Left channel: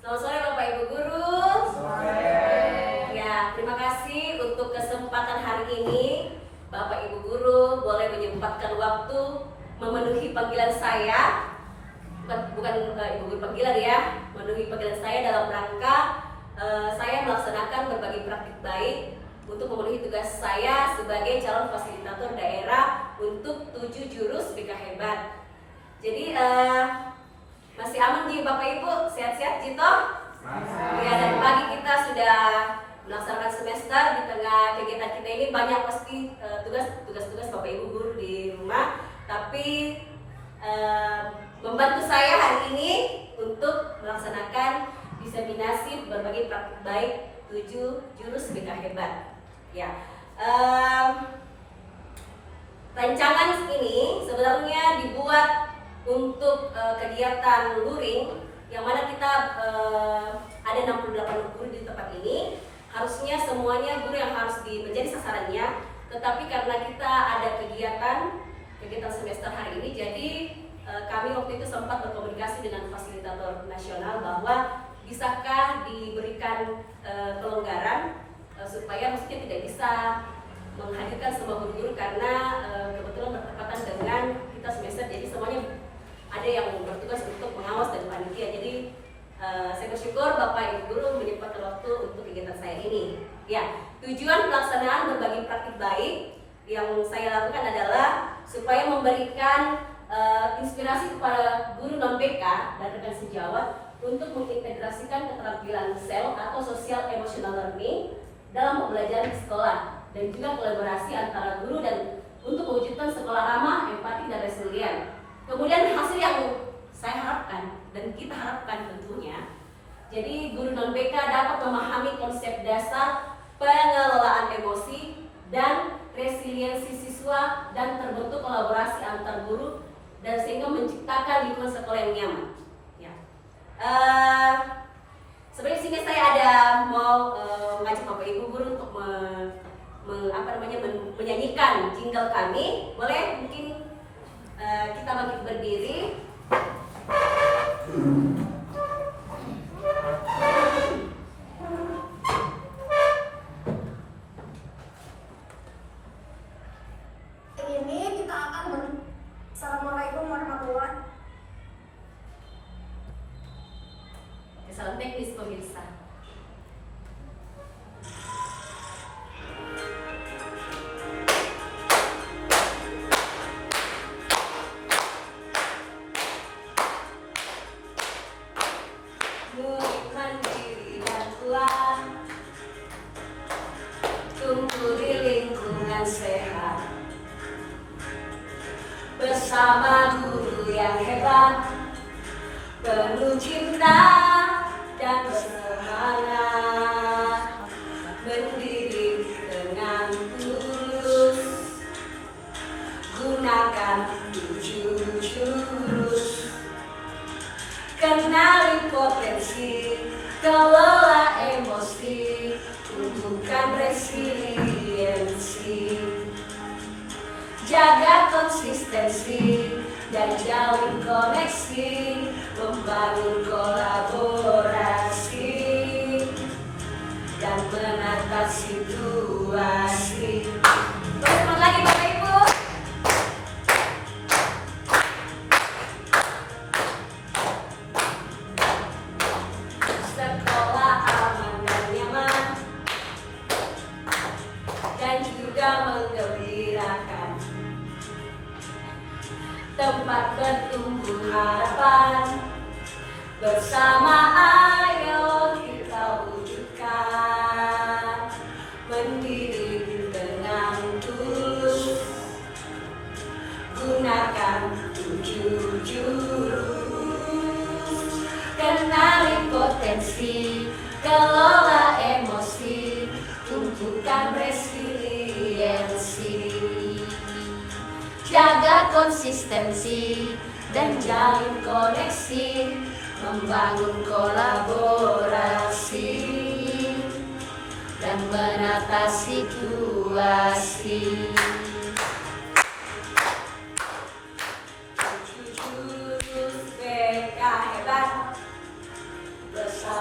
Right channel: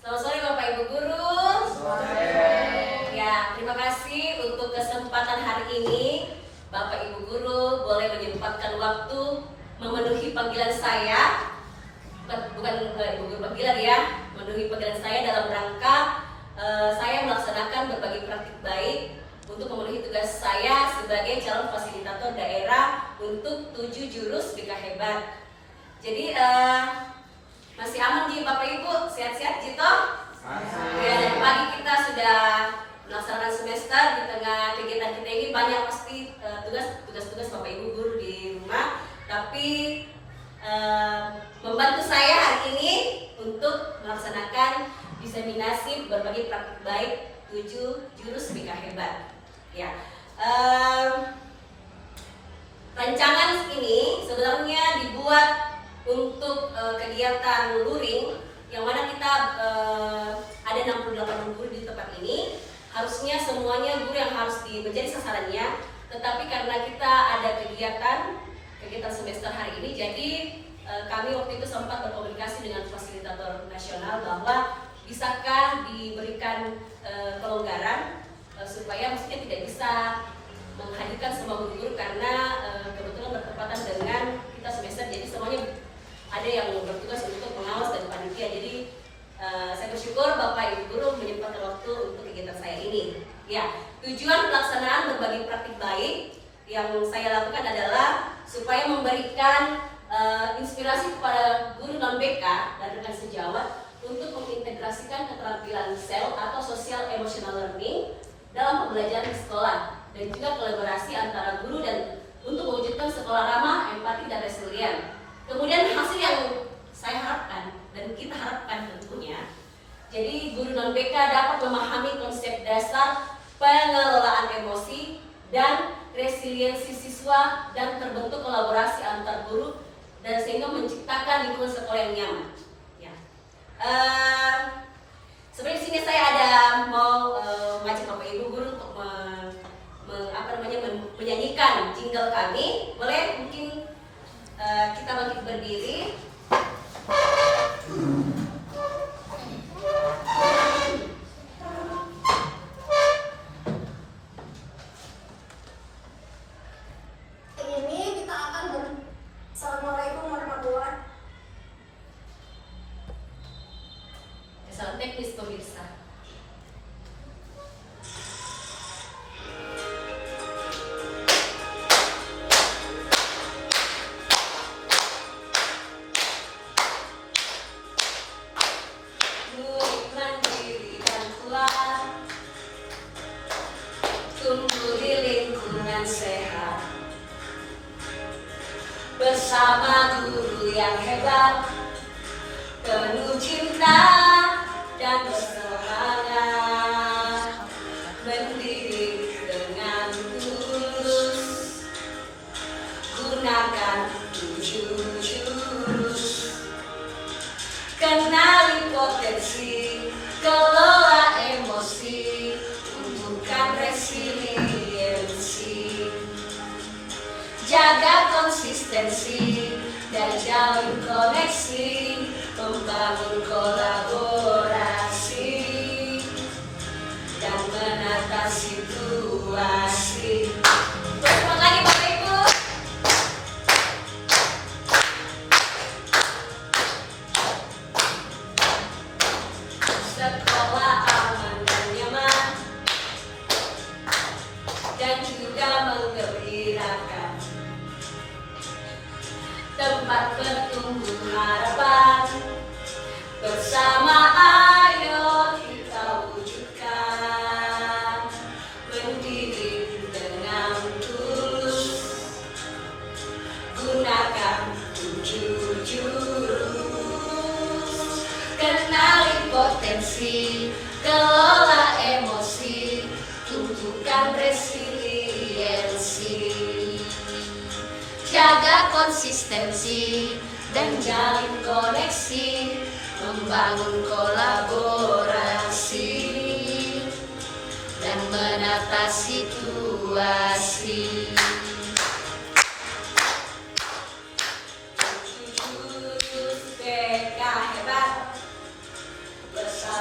Selamat sore Bapak Ibu Guru. Sore. Ya, terima kasih untuk kesempatan hari ini. Bapak Ibu Guru boleh menyempatkan waktu memenuhi panggilan saya. Bukan Ibu Guru panggilan ya, memenuhi panggilan saya dalam rangka saya melaksanakan berbagai praktik baik untuk memenuhi tugas saya sebagai calon fasilitator daerah untuk 7 jurus BK Hebat. Jadi masih aman di Bapak Ibu, sehat-sehat Jito? Masih. Ya, dari pagi kita sudah melaksanakan semester. Di tengah kegiatan kita ini banyak pasti tugas-tugas Bapak Ibu Guru di rumah. Tapi membantu saya hari ini untuk melaksanakan diseminasi berbagai praktik baik 7 jurus BK Hebat. Ya, rancangan ini sebenarnya dibuat untuk kegiatan luring, yang mana kita ada 68 guru di tempat ini. Harusnya semuanya guru yang harus menjadi sasarannya, tetapi karena kita ada kegiatan semester hari ini, jadi kami waktu itu sempat berkomunikasi dengan fasilitator nasional bahwa bisakah diberikan kelonggaran supaya maksudnya tidak bisa menghadirkan semua guru karena kebetulan bertepatan dengan kita semester, jadi semuanya ada yang bertugas untuk mengawas dan panitia. Jadi saya bersyukur Bapak Ibu Guru menyempatkan waktu untuk kegiatan saya ini. Ya, tujuan pelaksanaan berbagai praktik baik yang saya lakukan adalah supaya memberikan inspirasi kepada guru non-BK dan rekan sejawat untuk mengintegrasikan keterampilan SEL atau Social Emotional Learning dalam pembelajaran di sekolah, dan juga kolaborasi antara guru dan untuk mewujudkan sekolah ramah, empati, dan resilient. Kemudian hasil yang saya harapkan dan kita harapkan tentunya, jadi guru non-BK dapat memahami konsep dasar pengelolaan emosi dan resiliensi siswa dan terbentuk kolaborasi antar guru dan sehingga menciptakan lingkungan sekolah yang nyaman. Ya. Sebenarnya sini saya ada mau mengajak Bapak Ibu Guru untuk menyanyikan jingle kami. Boleh mungkin kita bangkit berdiri. Ini kita akan Assalamualaikum warahmatullahi. Salam teknis pemirsa. Mandiri dan kuat, tumbuh di lingkungan sehat, bersama guru yang hebat, penuh cinta dan bersemangat, mendidik dengan tulus, gunakan 7 jurus. Kenali potensi, kelola emosi, tumbuhkan resiliensi, jaga konsistensi dan jalin koneksi, membangun kolaborasi dan menata situasi. Selamat lagi Bapak Ibu. Sekolah aman dan nyaman dan juga menggembirakan, tempat bertumbuh harapan, bersama ayo kita wujudkan, mendidik dengan tulus, gunakan 7 jurus. Kenali potensi, kelola emosi, tumbuhkan resiliensi, jaga konsistensi dan jalin koneksi, membangun kolaborasi dan menata situasi. Jurus BK Hebat, bersama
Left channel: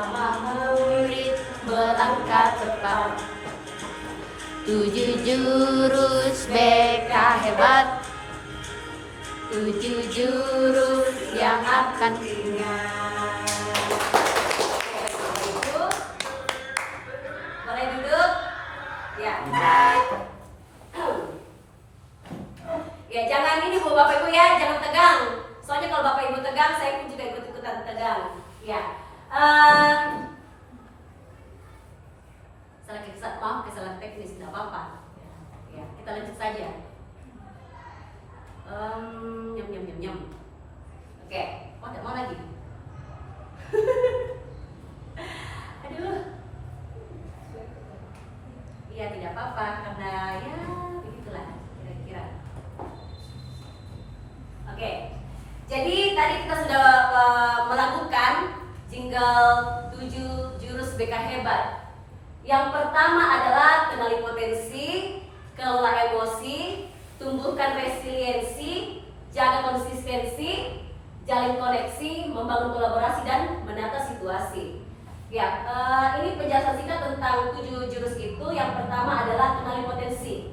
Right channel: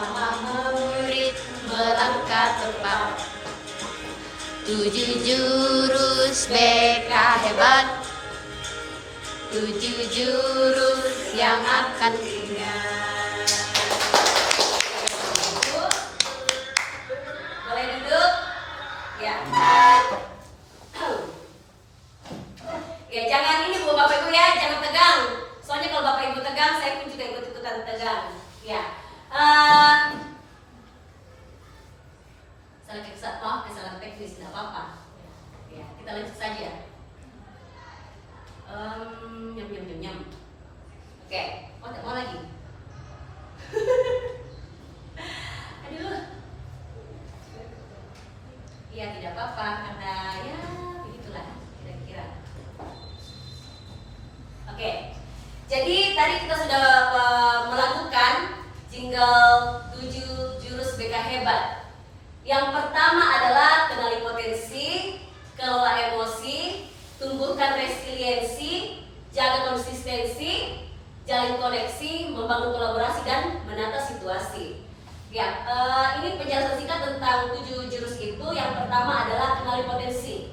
7 jurus BK hebat, 7 jurus yang akan ingat. Boleh duduk? Ya. Ya jangan ini Bu Bapak Ibu ya, jangan tegang. Soalnya kalau Bapak Ibu tegang, saya pun juga ikut-ikutan tegang. Ya. Kesalahan teknis, tidak apa-apa. Ya, kita lanjut saja. Nyam. Oke. Oh, tidak mau lagi. Aduh. Iya, tidak apa-apa karena ya begitulah kira-kira. Oke. Jadi tadi kita sudah melakukan jingle 7 jurus BK hebat. Yang pertama adalah kenali potensi, kelola emosi, tumbuhkan resiliensi, jaga konsistensi, jalin koneksi, membangun kolaborasi dan menata situasi. Ya, ini penjelasan singkat tentang 7 jurus itu. Yang pertama adalah kenali potensi.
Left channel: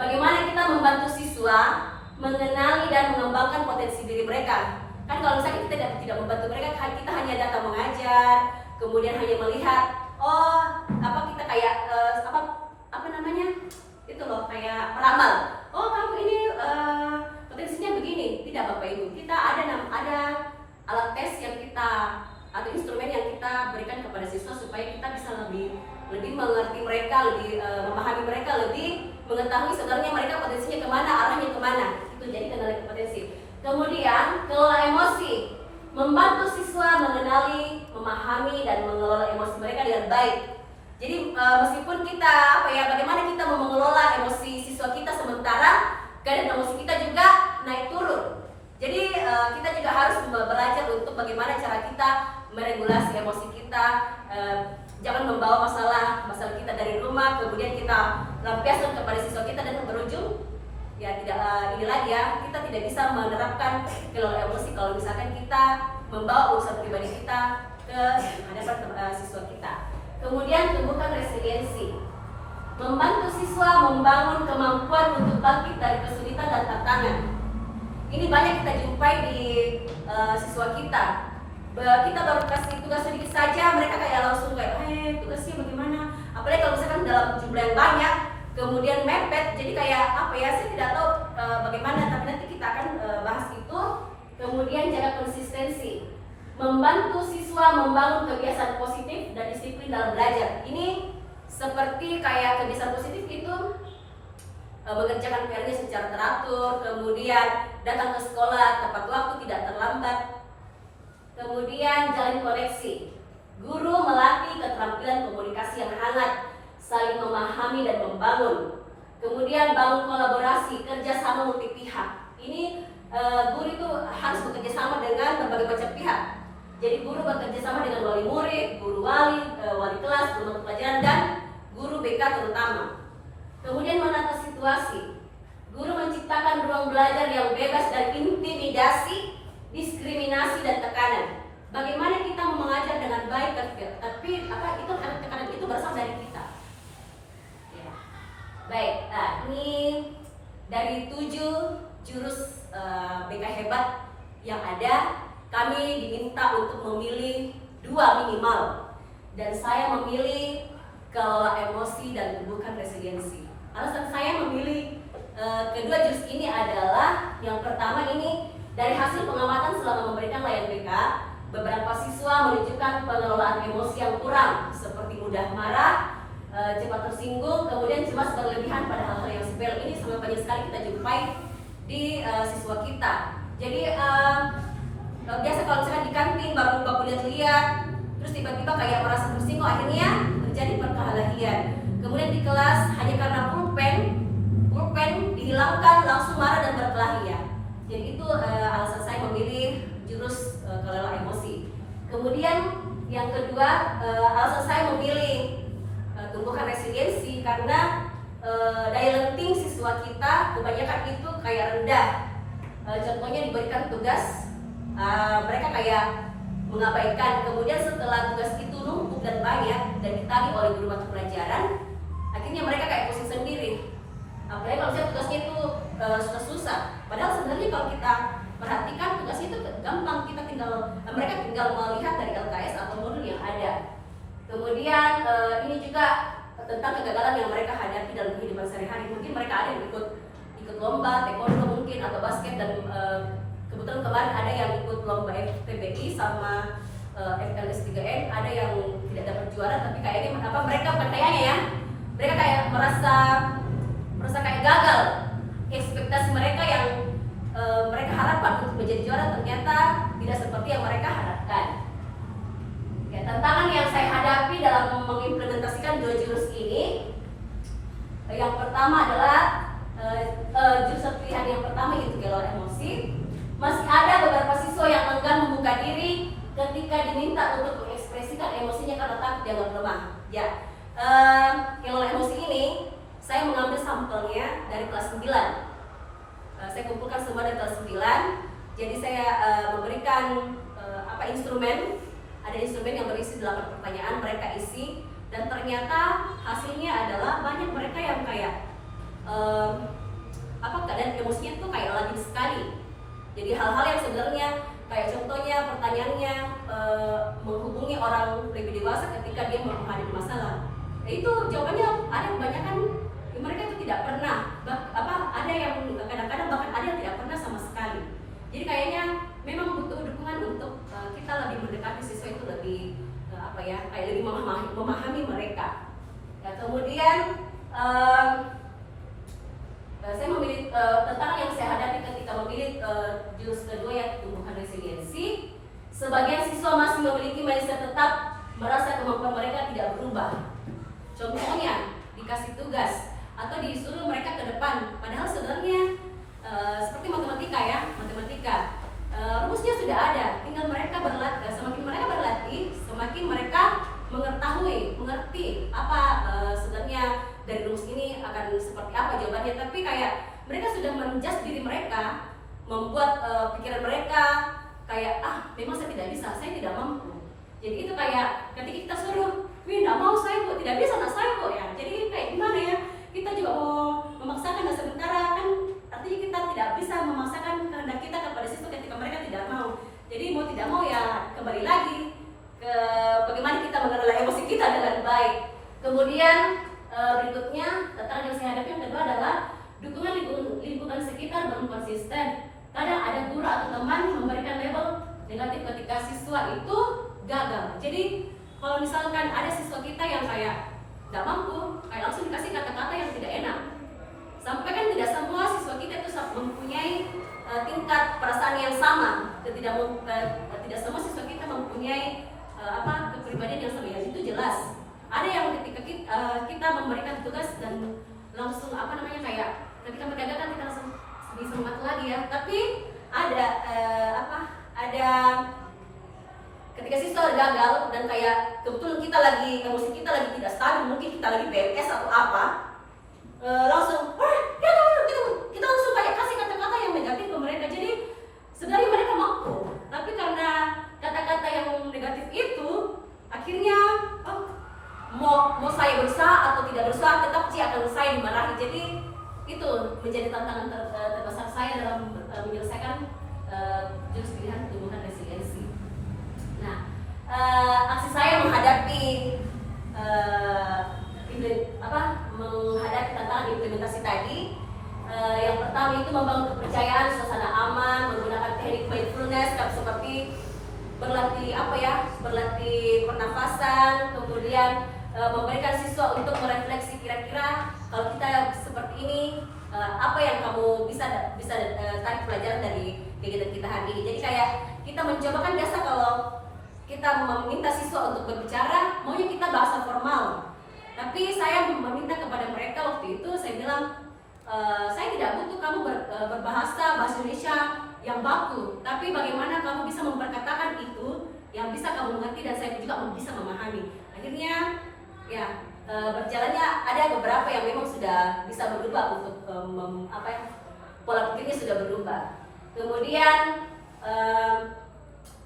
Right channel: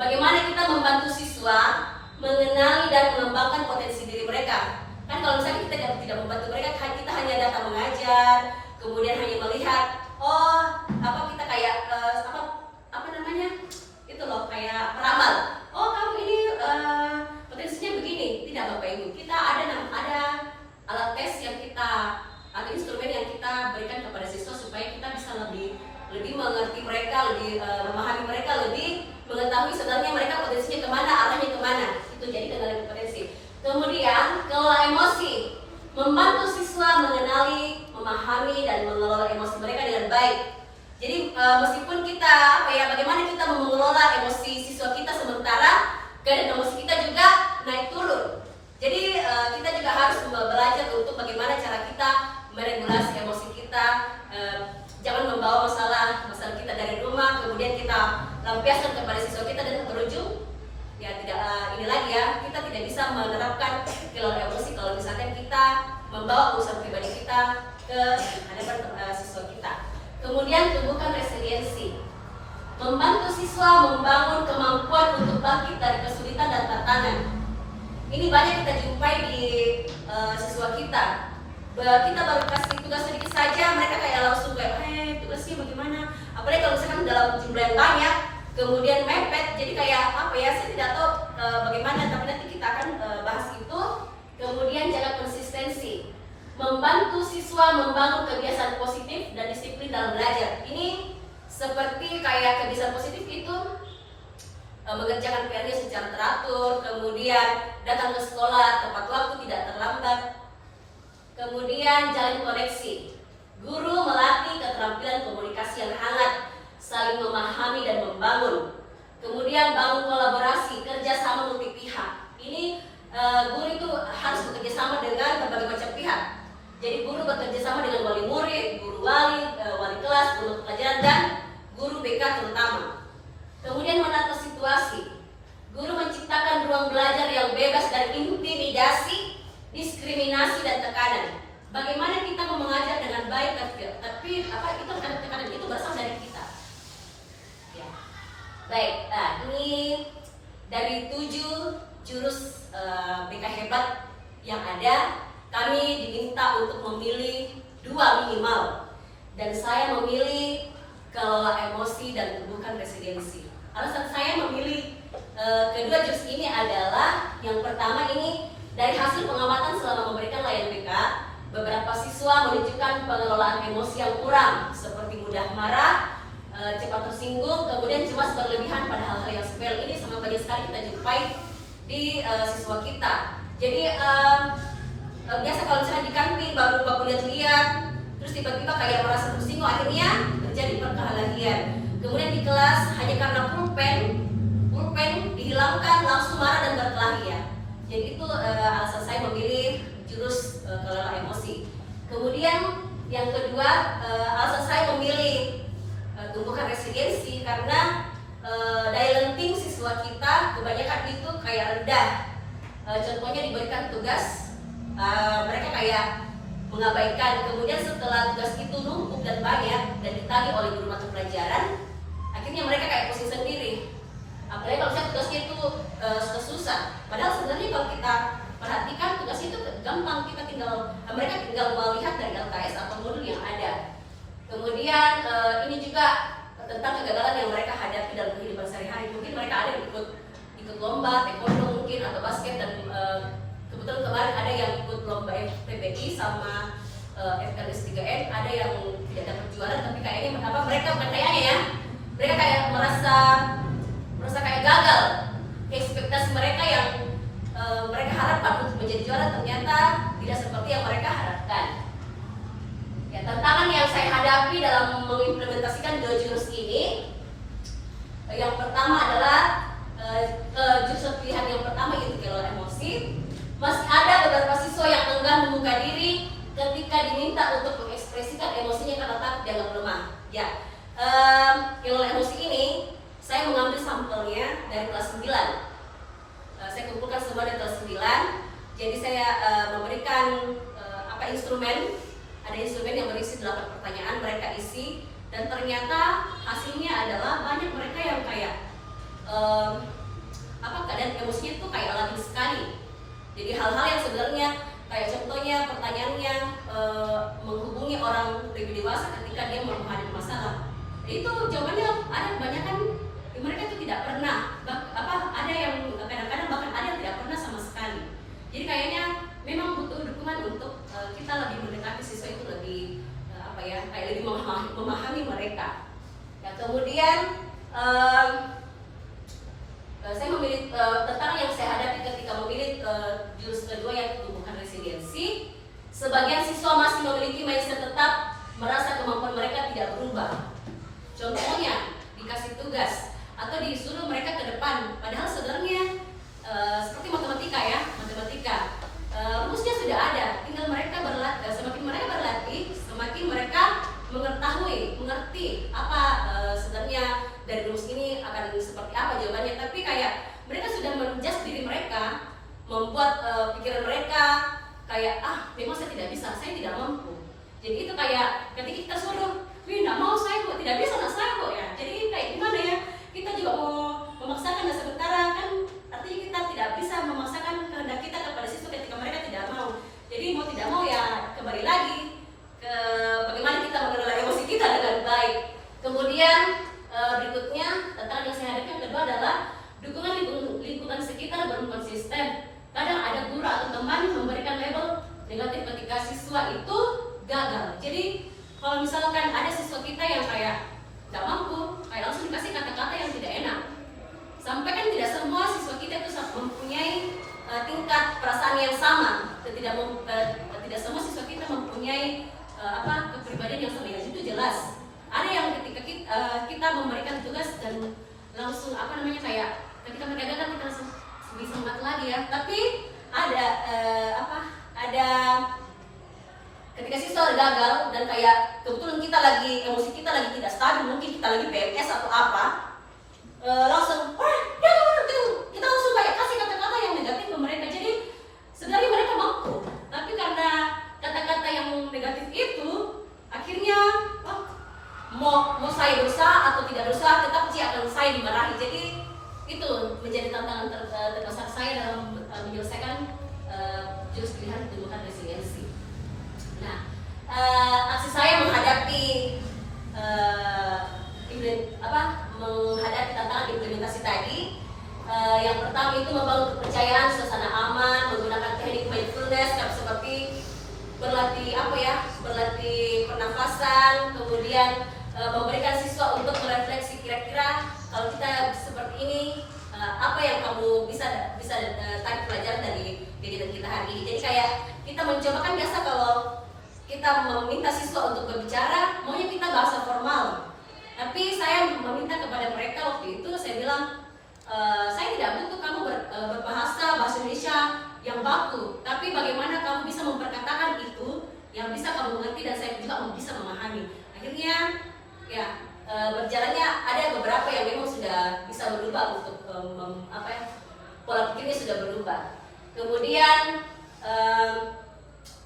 Bagaimana kita membantu siswa mengenali dan mengembangkan potensi diri mereka. Kan kalau misalnya kita tidak membantu mereka, kita hanya datang mengajar, kemudian hanya melihat, kita kayak apa namanya? Itu loh, kayak peramal. Oh, kamu ini potensinya begini. Tidak Bapak Ibu. Kita ada alat tes yang kita atau instrumen yang kita berikan kepada siswa supaya kita bisa lebih mengerti mereka, lebih memahami mereka, lebih mengetahui sebenarnya mereka potensinya kemana, arahnya kemana. Itu jadi kenali potensi. Kemudian kelola emosi, membantu siswa mengenali, memahami dan mengelola emosi mereka dengan baik. Jadi meskipun kita bagaimana kita mengelola emosi siswa kita sementara keadaan emosi kita juga naik turun. Jadi kita juga harus belajar untuk bagaimana cara kita meregulasi emosi kita. Jangan membawa masalah kita dari rumah kemudian kita lampiaskan kepada siswa kita dan berujung ya tidak ini lagi ya, kita tidak bisa menerapkan kelola emosi kalau misalkan kita membawa urusan pribadi kita ke hadapan siswa kita. Kemudian tumbuhkan resiliensi, membantu siswa membangun kemampuan untuk bangkit dari kesulitan dan tantangan. Ini banyak kita jumpai di siswa kita. Kita baru kasih tugas sedikit saja, mereka kayak langsung kayak, tugasnya bagaimana? Apalagi kalau misalkan dalam jumlah yang banyak, kemudian mepet, jadi kayak saya tidak tahu bagaimana, tapi nanti kita akan bahas itu. Kemudian jaga konsistensi, membantu siswa membangun kebiasaan positif dan disiplin dalam belajar. Ini seperti kayak kebiasaan positif itu mengerjakan PR-nya secara teratur, kemudian datang ke sekolah tepat waktu, tidak terlambat. Kemudian jalin koneksi, guru melatih keterampilan komunikasi yang hangat, saling memahami dan membangun. Kemudian bangun kolaborasi, kerjasama multi pihak. Ini guru itu harus bekerja sama dengan berbagai macam pihak. Jadi guru bekerja sama dengan wali murid, guru wali kelas, guru mata pelajaran dan guru BK terutama. Kemudian menata situasi, guru menciptakan ruang belajar yang bebas dari intimidasi, diskriminasi dan tekanan. Bagaimana kita mau mengajar dengan baik, tapi itu tekanan itu berasal dari kita. Ya. Baik, ini dari 7 jurus BK hebat yang ada, kami diminta untuk memilih 2 minimal. Dan saya memilih kelola emosi dan tumbuhkan resiliensi. Alasan saya memilih kedua jurus ini adalah yang pertama ini dari hasil pengamatan selama memberikan layanan BK, beberapa siswa menunjukkan pengelolaan emosi yang kurang seperti mudah marah, cepat tersinggung, kemudian cemas berlebihan pada hal-hal yang sepele. Ini sangat banyak sekali kita jumpai di siswa kita. Jadi biasa kalau misalnya di kantin baru lihat-lihat, terus tiba-tiba kayak merasa tersinggung, akhirnya terjadi perkelahian. Kemudian di kelas hanya karena pulpen dihilangkan langsung marah dan berkelahi ya. Jadi itu alasan saya memilih jurus kelola emosi. Kemudian yang kedua alasan saya memilih tumbuhkan resiliensi karena daya lenting siswa kita kebanyakan itu kayak rendah. Contohnya diberikan tugas mereka kayak mengabaikan. Kemudian setelah tugas itu numpuk dan banyak dan ditagih oleh guru mata pelajaran, akhirnya mereka kayak pusing sendiri. Apalagi kalau misalnya tugasnya itu susah. Padahal sebenarnya kalau kita perhatikan tugas itu gampang, mereka tinggal melihat dari LKS atau modul yang ada. Kemudian ini juga tentang kegagalan yang mereka hadapi dalam kehidupan sehari-hari. Mungkin mereka ada yang ikut lomba, taekwondo mungkin atau basket, dan kebetulan kemarin ada yang ikut lomba FTBI sama FLS 3N, ada yang tidak dapat juara, tapi kayaknya mereka bukan kayaknya ya, mereka kayak merasa kayak gagal. Ekspektasi mereka yang mereka harapkan untuk menjadi juara ternyata tidak seperti yang mereka harapkan. Ya, tantangan yang saya hadapi dalam mengimplementasikan 2 jurus ini, yang pertama adalah jurus pilihan yang pertama yaitu kelola emosi. Masih ada beberapa siswa yang enggan membuka diri ketika diminta untuk mengekspresikan emosinya karena takut dianggap lemah. Ya, kelola emosi ini saya mengambil sampelnya dari kelas 9. Saya kumpulkan semua dari kelas 9. Jadi saya memberikan instrumen. Ada instrumen yang berisi 8 pertanyaan, mereka isi, dan ternyata hasilnya adalah banyak mereka yang kayak keadaan emosinya tuh kayak lagi sekali. Jadi hal-hal yang sebenarnya kayak contohnya pertanyaannya menghubungi orang lebih dewasa ketika dia menghadapi masalah. Itu jawabannya ada kebanyakan mereka itu tidak pernah, ada yang kadang-kadang bahkan ada yang tidak pernah sama sekali. Jadi kayaknya memang butuh dukungan untuk kita lebih mendekati siswa itu lebih kayak lebih memahami mereka. Ya, kemudian saya memilih tantangan yang saya hadapi ketika memilih jurus kedua yang tumbuhkan resiliensi. Sebagian siswa masih memiliki mindset tetap merasa kemampuan mereka tidak berubah. Contohnya dikasih tugas atau disuruh mereka ke depan, padahal sebenarnya seperti matematika, rumusnya sudah ada, tinggal mereka berlatih. Semakin mereka berlatih, semakin mereka mengerti apa sebenarnya dari rumus ini akan seperti apa jawabannya. Tapi kayak mereka sudah menjudge diri mereka, membuat pikiran mereka kayak memang saya tidak bisa, saya tidak mampu. Jadi itu kayak ketika kita suruh, tidak mau saya bu, tidak bisa nak saya bu, ya. Jadi kayak gimana ya? Kita juga mau memaksakan, dan sementara kan artinya kita tidak bisa memaksakan kehendak kita kepada siswa ketika mereka tidak mau. Jadi mau tidak mau ya kembali lagi ke bagaimana kita mengelola emosi kita dengan baik. Kemudian berikutnya tantangan yang saya hadapi yang kedua adalah dukungan lingkungan sekitar belum konsisten. Kadang ada guru atau teman memberikan label negatif ketika siswa itu gagal. Jadi kalau misalkan ada siswa kita yang kayak tidak mampu, kayak langsung dikasih kata-kata yang tidak enak. Sampai kan tidak semua siswa kita itu mempunyai tingkat perasaan yang sama. Tidak semua siswa kita mempunyai kepribadian yang sama. Ya, itu jelas. Ada yang ketika kita memberikan tugas dan langsung kayak ketika mereka gagal kita langsung lebih semangat lagi ya. Tapi ada ketika siswa gagal dan kayak kebetulan emosi kita lagi tidak stabil, mungkin kita lagi PMS atau apa, langsung kita langsung kayak kasih kata-kata yang negatif ke mereka. Jadi sebenarnya mereka mampu, tapi karena kata-kata yang negatif itu akhirnya mau saya berusaha atau tidak berusaha tetap akan saya dimarahi. Jadi itu menjadi tantangan terbesar saya dalam menyelesaikan jurus pilihan tumbuhan resiliensi. Nah, aksi saya menghadapi menghadapi tantangan implementasi tadi, yang pertama itu membangun kepercayaan, suasana aman, menggunakan teknik mindfulness seperti berlatih pernafasan, kemudian memberikan siswa untuk merefleksi kira-kira kalau kita seperti ini apa yang kamu bisa tarik pelajaran dari kegiatan kita hari ini. Jadi kayak kita mencoba, kan biasa kalau kita meminta siswa untuk berbicara, maunya kita bahasa formal. Tapi saya meminta kepada mereka waktu itu, saya bilang, saya tidak butuh kamu berbahasa Indonesia yang baku, tapi bagaimana kamu bisa memperkatakan itu yang bisa kamu mengerti dan saya juga bisa memahami. Akhirnya ya berjalannya ada beberapa yang memang sudah bisa berubah untuk pola pikirnya sudah berubah. Kemudian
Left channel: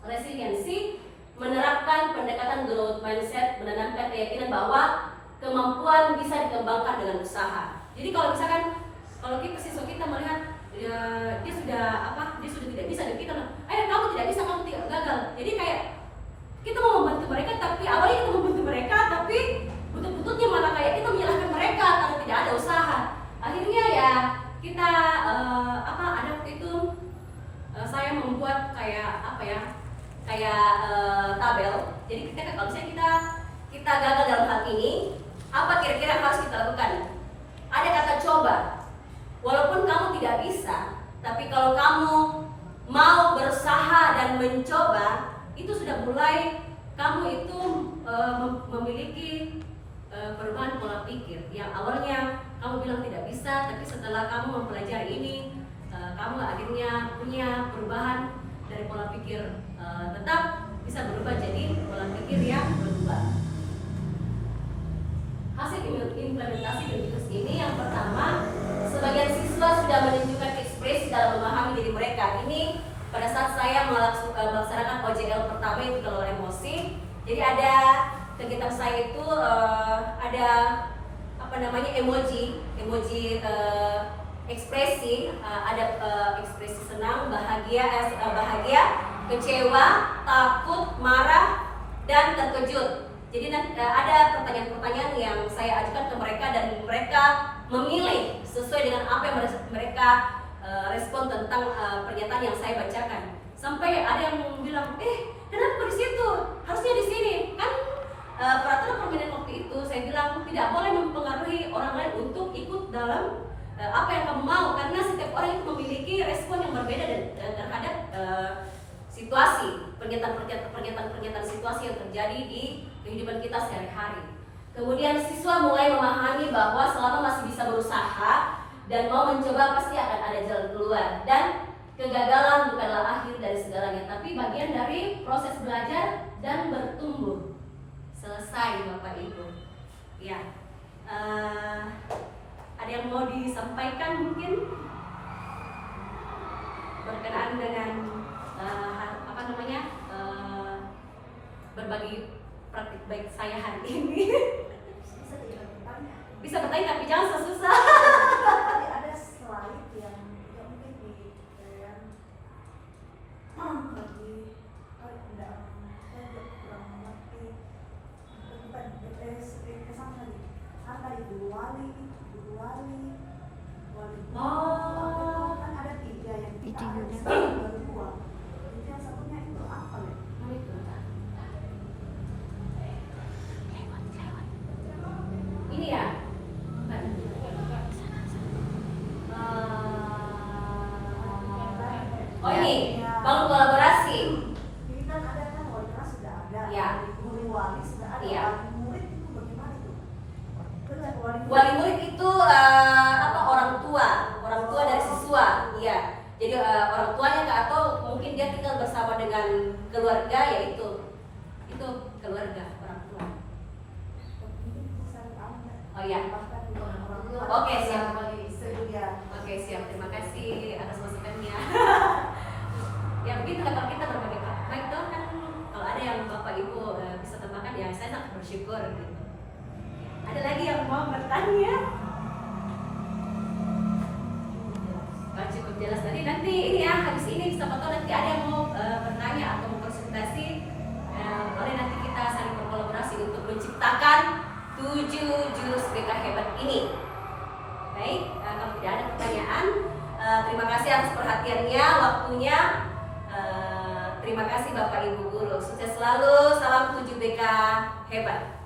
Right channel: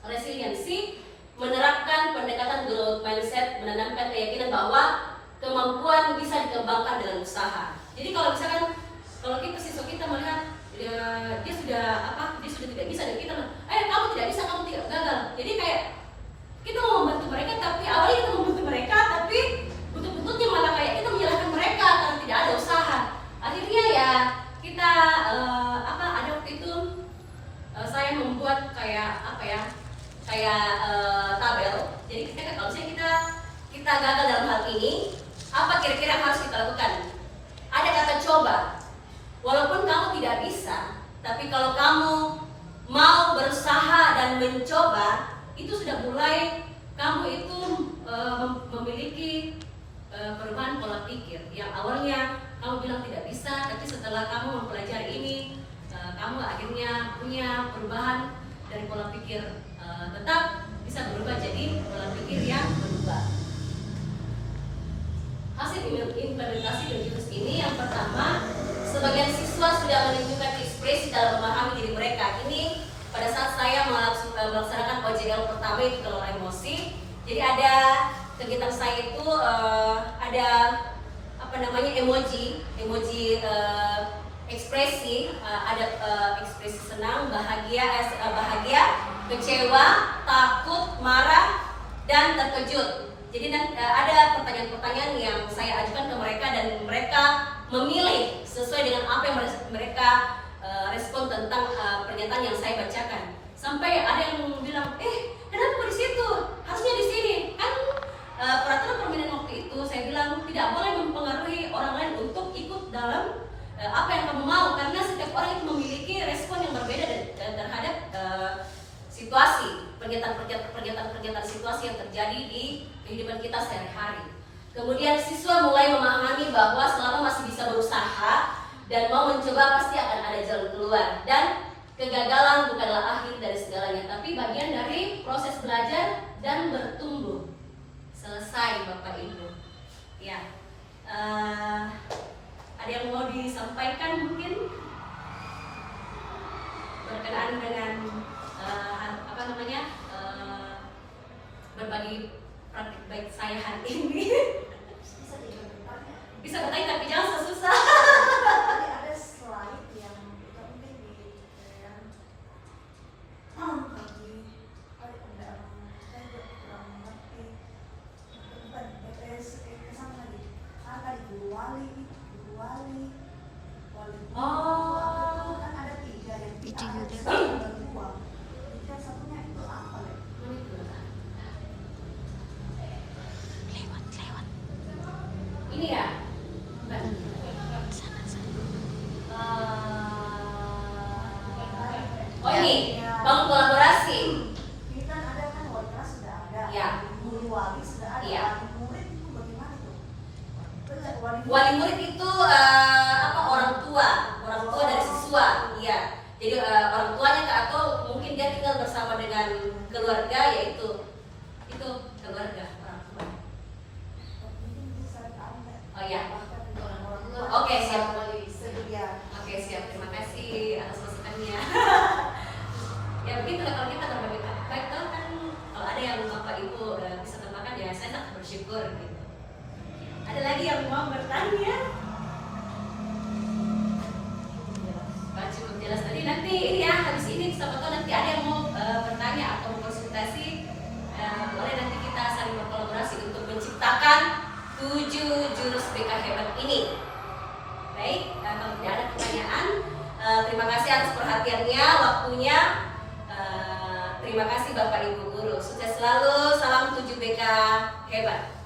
resiliensi menerapkan pendekatan growth mindset, menanamkan keyakinan bahwa kemampuan bisa dikembangkan dengan usaha. Jadi kalau misalkan kalau siswa kita melihat dia sudah tidak bisa dan kita kamu tidak bisa, kamu tidak gagal. Jadi kayak kita mau membantu mereka, tapi awalnya kita membantu mereka, tapi buntut-buntutnya malah kayak kita menyalahkan mereka karena tidak ada usaha. Akhirnya ya kita ada waktu itu saya membuat kayak tabel. Jadi kalau misalnya kita gagal dalam hal ini, apa kira-kira yang harus kita lakukan? Ada kata coba. Walaupun kamu tidak bisa, tapi kalau kamu mau berusaha dan mencoba, itu sudah mulai kamu itu memiliki perubahan pola pikir. Yang awalnya kamu bilang tidak bisa, tapi setelah kamu mempelajari ini, kamu akhirnya punya perubahan dari pola pikir tetap bisa berubah jadi pola pikir yang berubah. Hasil implementasi Jurus ini yang pertama, sebagian siswa sudah menunjukkan ekspresi dalam memahami diri mereka. Ini pada saat saya melaksanakan OJL pertama itu kelola emosi. Jadi ada kegiatan saya itu ada emoji ekspresi, ada ekspresi senang, bahagia, kecewa, takut, marah, dan terkejut. Jadi ada pertanyaan-pertanyaan yang saya ajukan ke mereka dan mereka memilih sesuai dengan apa yang mereka respon tentang pernyataan yang saya bacakan. Sampai ada yang bilang, kenapa di situ? Harusnya di sini. Kan peraturan permainan waktu itu saya bilang tidak boleh mempengaruhi orang lain untuk ikut dalam apa yang kamu mau, karena setiap orang itu memiliki respon yang berbeda terhadap situasi, pernyataan situasi yang terjadi di kehidupan kita sehari-hari. Kemudian siswa mulai memahami bahwa selama masih bisa berusaha dan mau mencoba pasti akan ada jalan keluar, dan kegagalan bukanlah akhir dari segalanya, tapi bagian dari proses belajar dan bertumbuh. Selesai Bapak Ibu. Ya, ada yang mau disampaikan mungkin berkenaan dengan berbagi praktik baik saya hari ini. Bisa bertanya tapi jangan susah. Ada slide yang itu mungkin saya kurang mengerti. Bukan kesana tadi. Guru wali. Oh. Kan ada 3 yang Itu juga. Yang satunya itu apa ya? Lewat. Ini ya. Oh ini bangun kolaborasi. Ini kan ada kan wali kelas sudah ada. Ya. Guru wali sudah ada. Iya. Wali murid itu bagaimana itu? Wali murid itu orang tua dari siswa. Iya. Jadi orang tuanya atau mungkin dia tinggal bersama dengan keluarga, yaitu itu keluarga orang tua. Mungkin bisa tahu. Oh ya. Oke, siap. Oke, siap. Terima kasih atas masukannya. Ya begitulah kalau kita berbagi baik tuh kan, kalau ada yang Bapak Ibu bisa tambahkan ya saya sangat bersyukur gitu. Ada lagi yang mau bertanya? Cukup jelas tadi. Nanti ini ya habis ini siapa tahu nanti ada yang mau bertanya atau konsultasi, boleh nanti kita saling berkolaborasi untuk menciptakan 7 jurus BK hebat ini. Baik, kalau tidak ada pertanyaan, terima kasih atas perhatiannya, waktunya. Terima kasih Bapak Ibu Guru. Sukses selalu, salam 7 BK hebat.